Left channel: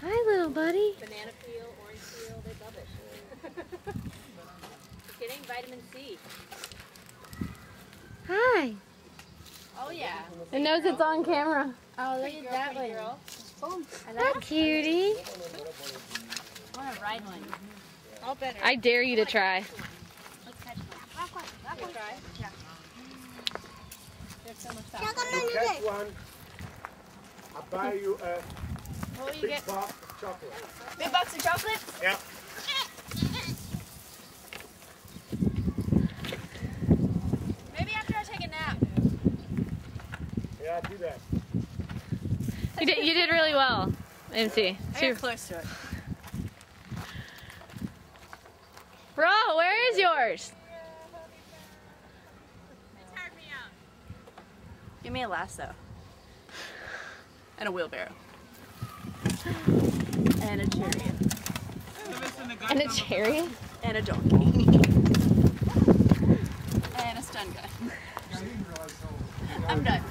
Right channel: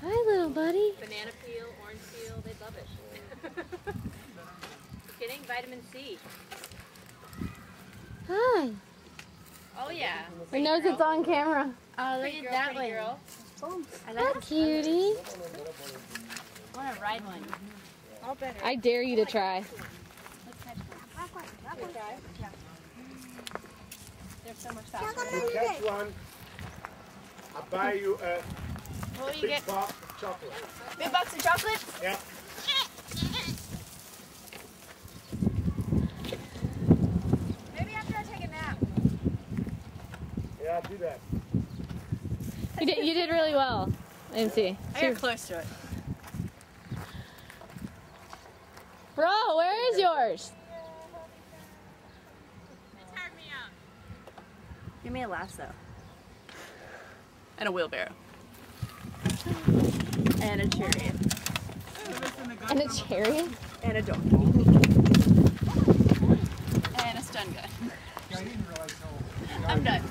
Hi, little buddy. Banana peel, orange peel, they love it. You're getting vitamin C. Hi. Oh yeah. I know it's on camera. Oh, look at that one. Girl. I like cutie. I want to ride one. All better. I dare you to try. Let's catch one. That one. Try? Yeah. They're so much faster. If you catch one, I'll buy you a What will you big get? box of chocolate. Big box of chocolate? Yeah. Maybe after I take a nap. Yeah, do that. You did really well, MC. I got close to it. Bro, where is yours? They tired me out. Give me a lasso. And a wheelbarrow. And a chariot. And a chariot? And a donkey. And a stun gun. I'm done.